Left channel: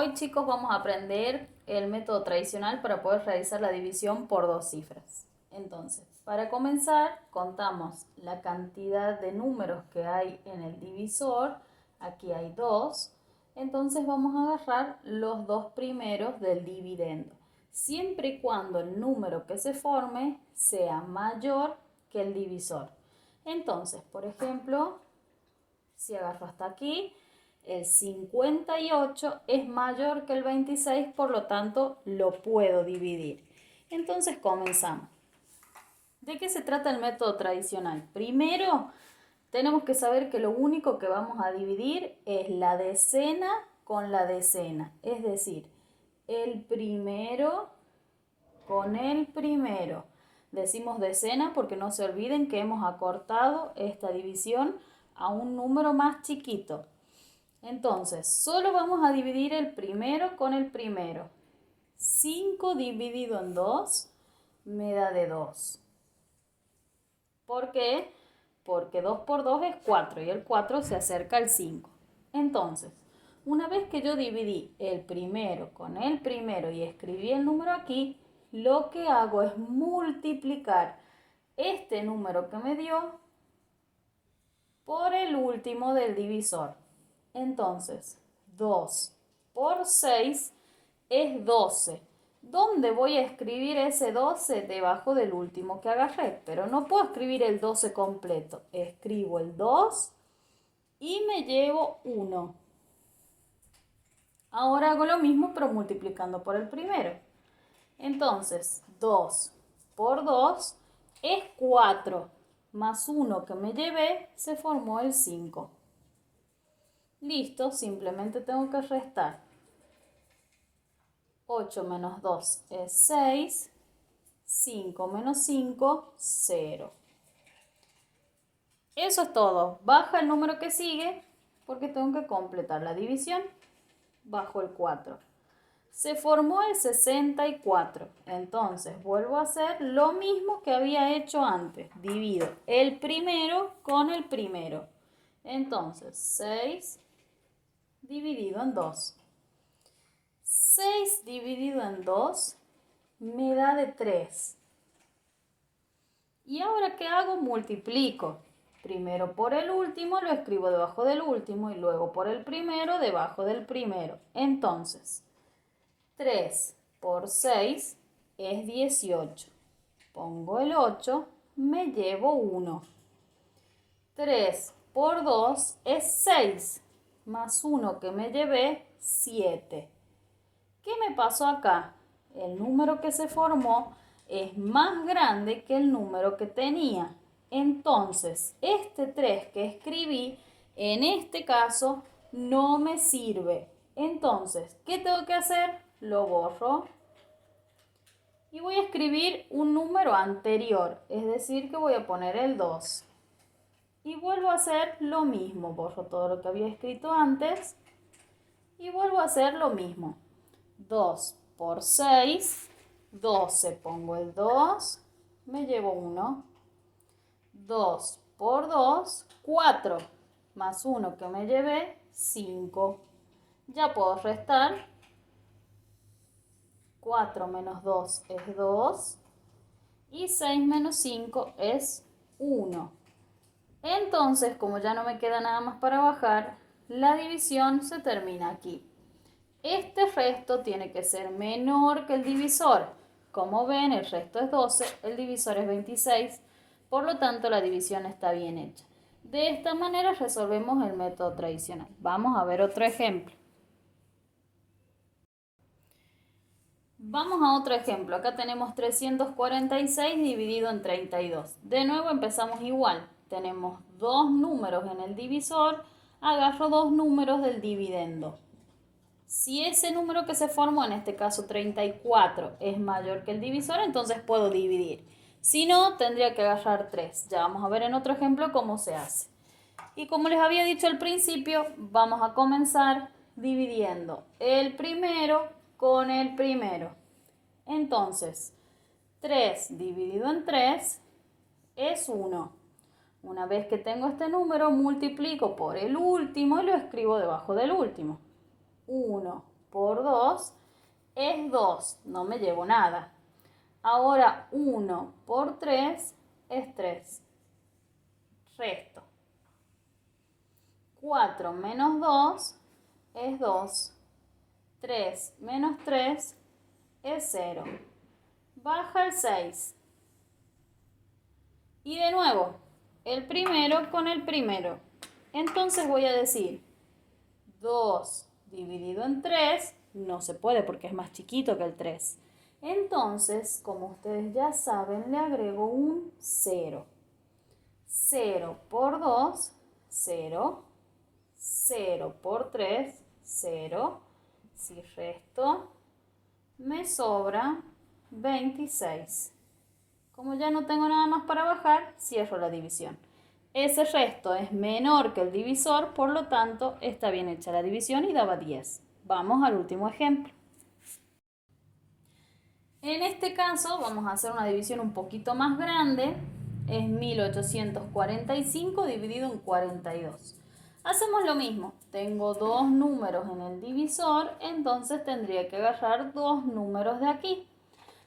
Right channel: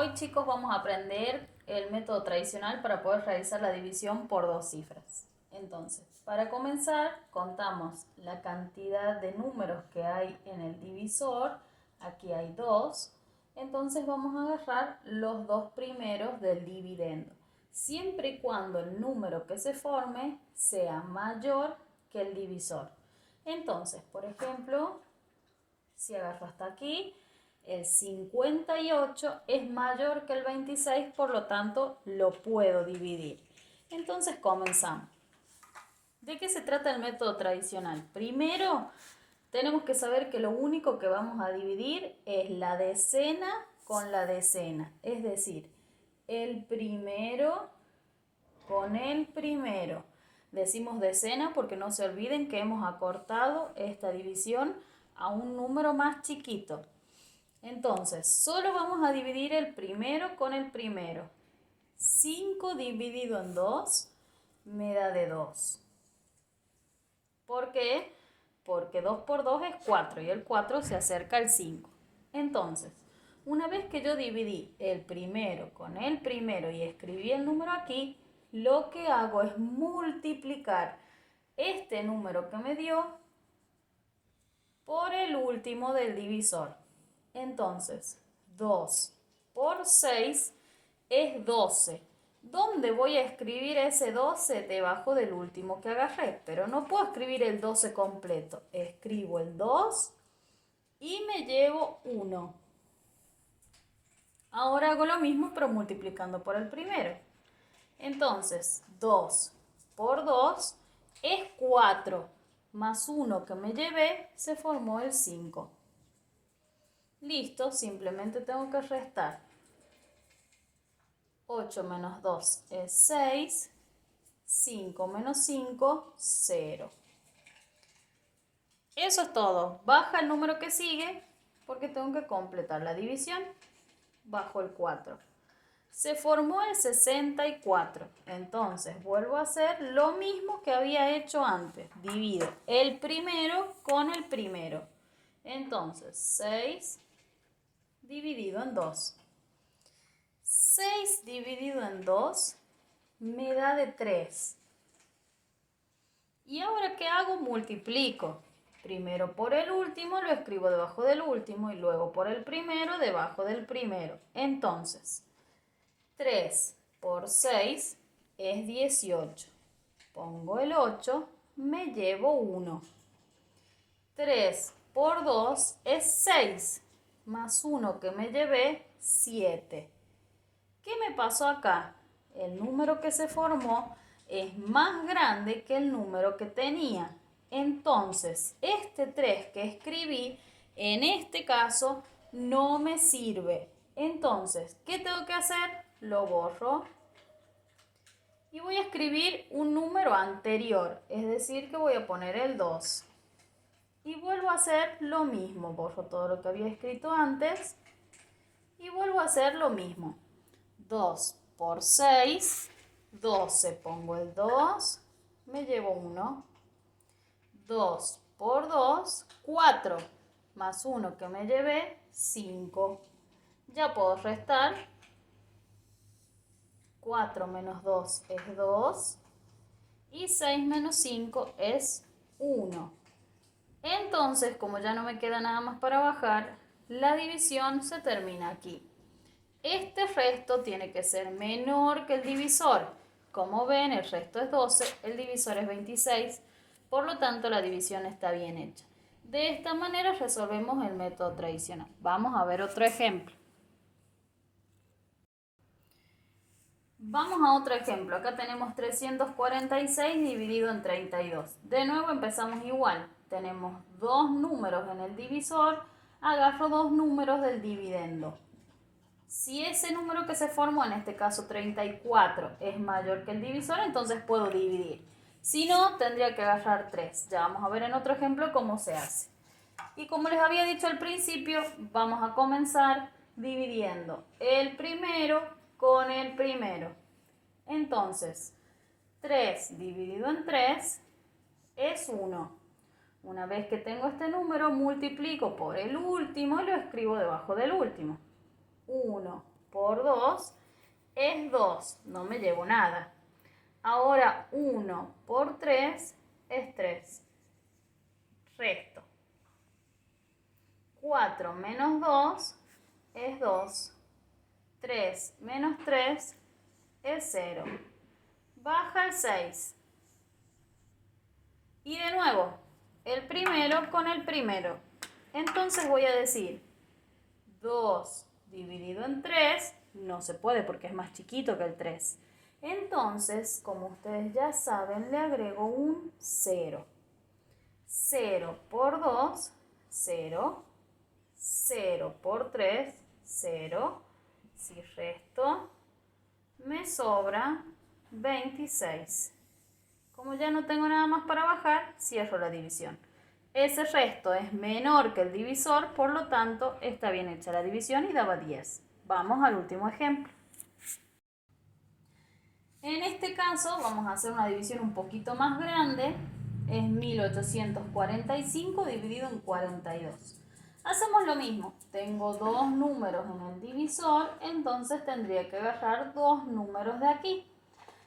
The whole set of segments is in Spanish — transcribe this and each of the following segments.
Hoy, chicos, vamos a aprender el método tradicional para poder realizar la división por dos cifras. Entonces, para comenzar, contamos la cantidad de números que hay en el divisor. Aquí hay 2. Entonces vamos a agarrar los dos primeros del dividendo, siempre y cuando el número que se forme sea mayor que el divisor. Entonces, por ejemplo, si agarro hasta aquí, el 58 es mayor que el 26, por lo tanto lo puedo dividir. Entonces comenzamos. ¿De qué se trata el método tradicional? Primero, tenemos que saber que lo único que vamos a dividir es la decena con la decena. Es decir, el primero con el primero. Decimos decena porque no se olviden que hemos acortado esta división a un número más chiquito. Entonces, solo vamos a dividir el primero con el primero. 5 dividido en 2 me da de 2. ¿Por qué? Porque 2 por 2 es 4 y el 4 se acerca al 5. Entonces, una vez que yo dividí el primero con el primero y escribí el número aquí, lo que hago es multiplicar este número que me dio por el último del divisor. Entonces, 2 por 6 es 12. ¿Dónde voy a escribir ese 12? Debajo del último que agarré, pero no puedo escribir el 12 completo. Escribo el 2 y me llevo 1. Ahora hago lo mismo, pero multiplicando por el primero. Entonces, 2 por 2 es 4, más 1 que me llevé, se formó el 5. Listo, simplemente tengo que restar. 8 menos 2 es 6. 5 menos 5, 0. Eso es todo. Baja el número que sigue porque tengo que completar la división. Bajo el 4. Se formó el 64. Entonces vuelvo a hacer lo mismo que había hecho antes. Divido el primero con el primero. Entonces 6 dividido en 2. 6 dividido en 2 me da de 3. ¿Y ahora qué hago? Multiplico. Primero por el último, lo escribo debajo del último y luego por el primero, debajo del primero. Entonces, 3 por 6 es 18. Pongo el 8, me llevo 1. 3 por 2 es 6, más 1 que me llevé, 7. ¿Qué me pasó acá? El número que se formó es más grande que el número que tenía. Entonces, este 3 que escribí, en este caso, no me sirve. Entonces, ¿qué tengo que hacer? Lo borro y voy a escribir un número anterior, es decir, que voy a poner el 2. Y vuelvo a hacer lo mismo, borro todo lo que había escrito antes y vuelvo a hacer lo mismo. 2 por 6, 12, pongo el 2, me llevo 1. 2 por 2, 4, más 1 que me llevé, 5. Ya puedo restar. 4 menos 2 es 2 y 6 menos 5 es 1. Entonces, como ya no me queda nada más para bajar, la división se termina aquí. Este resto tiene que ser menor que el divisor. Como ven, el resto es 12, el divisor es 26, por lo tanto la división está bien hecha. De esta manera resolvemos el método tradicional. Vamos a ver otro ejemplo. Vamos a otro ejemplo. Acá tenemos 346 dividido en 32. De nuevo empezamos igual. Tenemos dos números en el divisor. Agarro dos números del dividendo. Si ese número que se formó, en este caso 34, es mayor que el divisor, entonces puedo dividir. Si no, tendría que agarrar 3. Ya vamos a ver en otro ejemplo cómo se hace. Y como les había dicho al principio, vamos a comenzar dividiendo el primero con el primero. Entonces, 3 dividido en 3 es 1. Una vez que tengo este número, multiplico por el último y lo escribo debajo del último. 1 por 2 es 2, no me llevo nada. Ahora 1 por 3 es 3. Resto. 4 menos 2 es 2. 3 menos 3 es 0. Baja el 6. Y de nuevo, el primero con el primero. Entonces voy a decir 2 dividido en 3, no se puede porque es más chiquito que el 3. Entonces, como ustedes ya saben, le agrego un 0. 0 por 2, 0. 0 por 3, 0. Si resto, me sobra 26. Como ya no tengo nada más para bajar, cierro la división. Ese resto es menor que el divisor, por lo tanto, está bien hecha la división y daba 10. Vamos al último ejemplo. En este caso vamos a hacer una división un poquito más grande. Es 1845 dividido en 42. Hacemos lo mismo. Tengo dos números en el divisor, entonces tendría que agarrar dos números de aquí.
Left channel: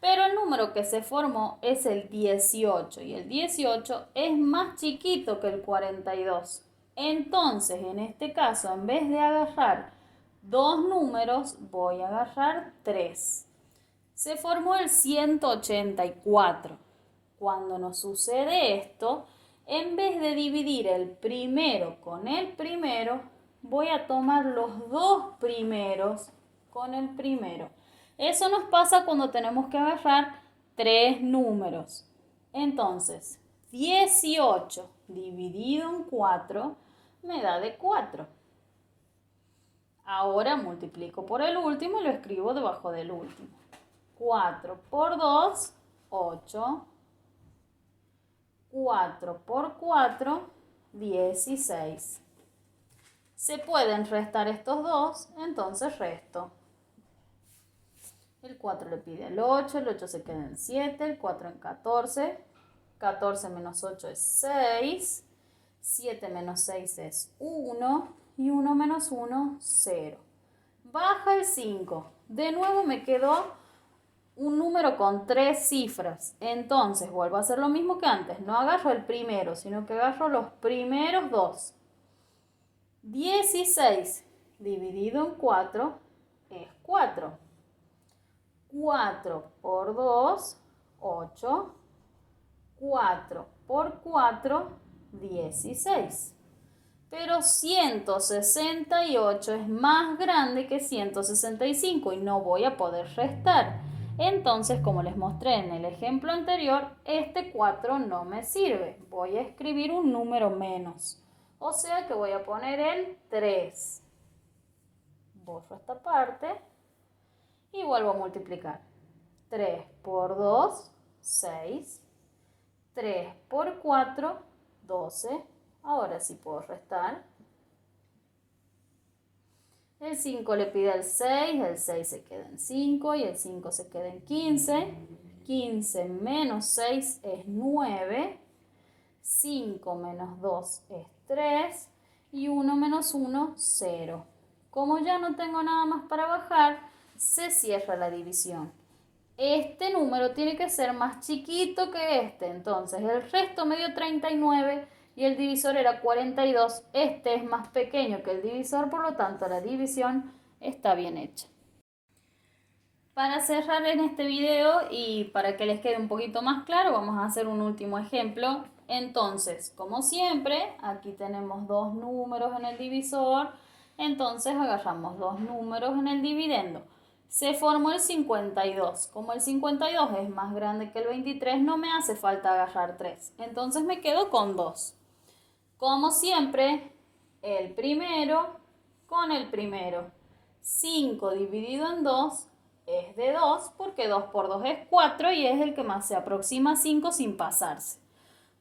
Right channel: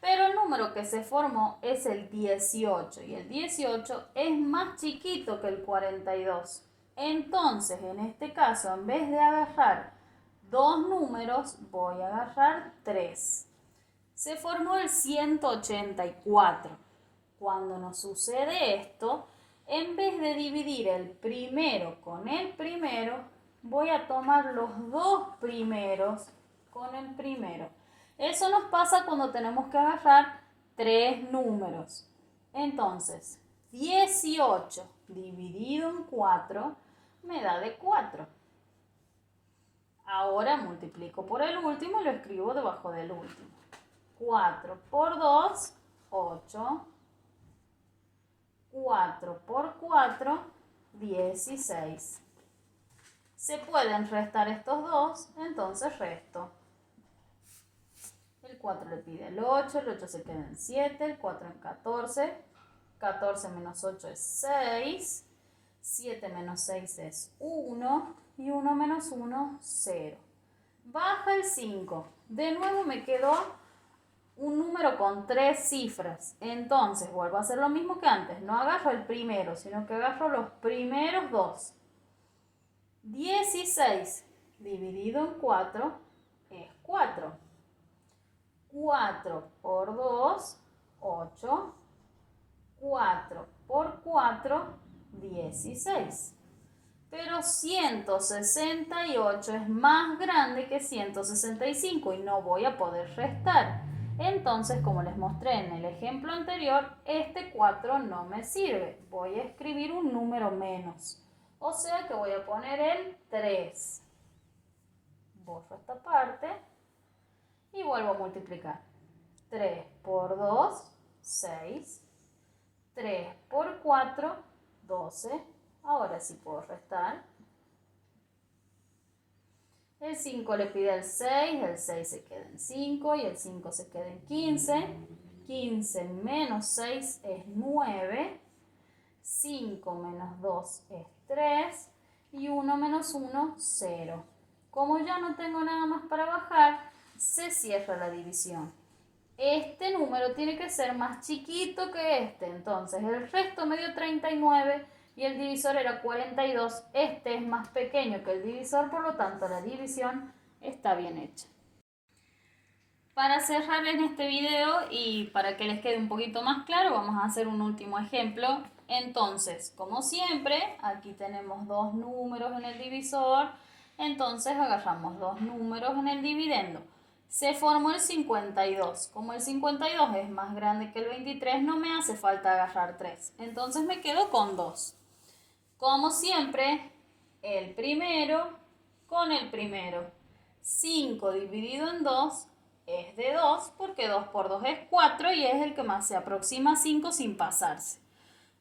Pero el número que se formó es el 18 y el 18 es más chiquito que el 42. Entonces, en este caso, en vez de agarrar dos números, voy a agarrar tres. Se formó el 184. Cuando nos sucede esto, en vez de dividir el primero con el primero, voy a tomar los dos primeros con el primero. Eso nos pasa cuando tenemos que agarrar tres números. Entonces, 18 dividido en 4 me da de 4. Ahora multiplico por el último y lo escribo debajo del último. 4 por 2, 8. 4 por 4, 16. Se pueden restar estos dos, entonces resto. El 4 le pide el 8 se queda en 7, el 4 en 14. 14 menos 8 es 6. 7 menos 6 es 1. Y 1 menos 1, 0. Baja el 5. De nuevo me quedó un número con tres cifras. Entonces vuelvo a hacer lo mismo que antes. No agarro el primero, sino que agarro los primeros dos. 16 dividido en 4 es 4. 4 por 2, 8. 4 por 4, 16. Pero 168 es más grande que 165 y no voy a poder restar. Entonces, como les mostré en el ejemplo anterior, este 4 no me sirve. Voy a escribir un número menos. O sea que voy a poner el 3. Borro esta parte y vuelvo a multiplicar. 3 por 2, 6. 3 por 4, 12. Ahora sí puedo restar. El 5 le pide el 6 se queda en 5 y el 5 se queda en 15. 15 menos 6 es 9. 5 menos 2 es 3 y 1 menos 1, 0. Como ya no tengo nada más para bajar, se cierra la división. Este número tiene que ser más chiquito que este, entonces el resto me dio 39 y el divisor era 42. Este es más pequeño que el divisor, por lo tanto la división está bien hecha. Para cerrar en este video y para que les quede un poquito más claro, vamos a hacer un último ejemplo. Entonces, como siempre, aquí tenemos dos números en el divisor, entonces agarramos dos números en el dividendo. Se formó el 52. Como el 52 es más grande que el 23, no me hace falta agarrar 3. Entonces me quedo con 2. Como siempre, el primero con el primero. 5 dividido en 2 es de 2 porque 2 por 2 es 4 y es el que más se aproxima a 5 sin pasarse.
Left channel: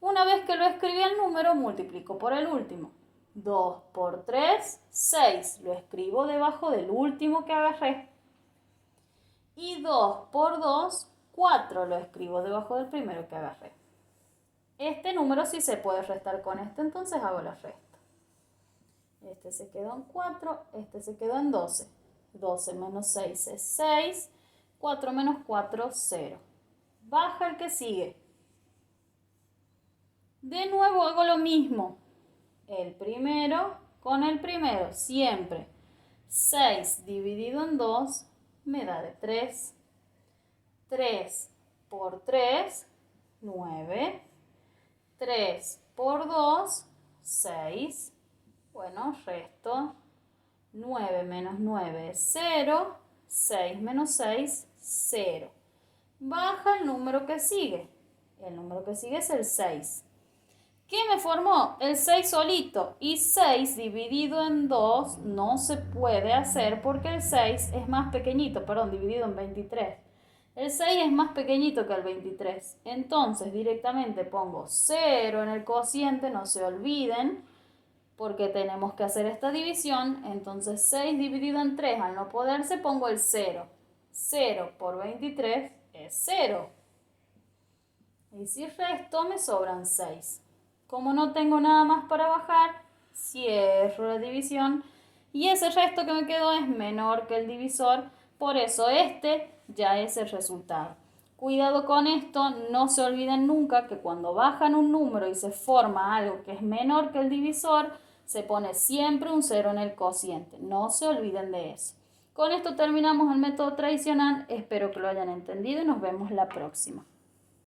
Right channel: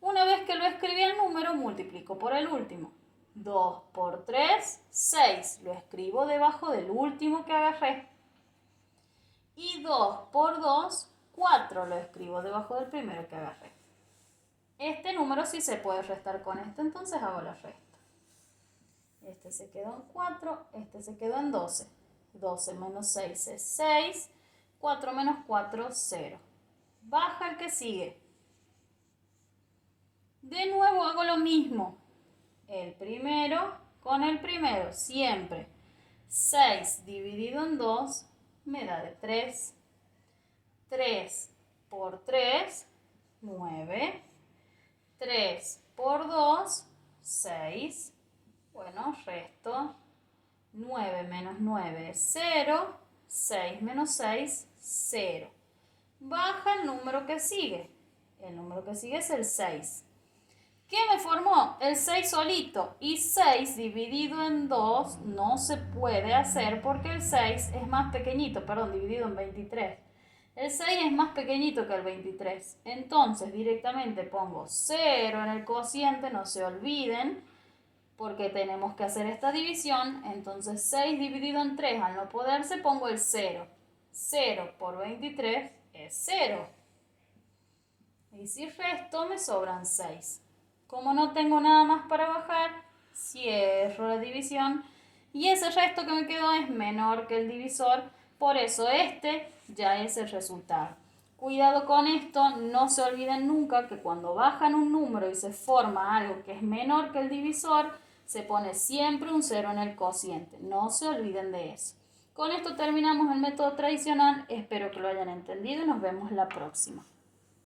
Una vez que lo escribí el número, multiplico por el último. 2 por 3, 6. Lo escribo debajo del último que agarré. Y 2 por 2, 4. Lo escribo debajo del primero que agarré. Este número sí se puede restar con este, entonces hago la resta. Este se quedó en 4, este se quedó en 12. 12 menos 6 es 6. 4 menos 4, 0. Baja el que sigue. De nuevo hago lo mismo. El primero con el primero, siempre. 6 dividido en 2 me da de 3. 3 por 3, 9. 3 por 2, 6. Bueno, resto. 9 menos 9 es 0. 6 menos 6, 0. Baja el número que sigue. El número que sigue es el 6. ¿Qué me formó? El 6 solito. Y 6 dividido en 2 no se puede hacer porque el 6 es más pequeñito, perdón, dividido en 23. El 6 es más pequeñito que el 23. Entonces directamente pongo 0 en el cociente, no se olviden, porque tenemos que hacer esta división. Entonces 6 dividido en 3, al no poderse, pongo el 0. 0 por 23 es 0. Y si resto, me sobran 6. Como no tengo nada más para bajar, cierro la división. Y ese resto que me quedó es menor que el divisor. Por eso este ya es el resultado. Cuidado con esto, no se olviden nunca que cuando bajan un número y se forma algo que es menor que el divisor, se pone siempre un 0 en el cociente. No se olviden de eso. Con esto terminamos el método tradicional. Espero que lo hayan entendido y nos vemos la próxima.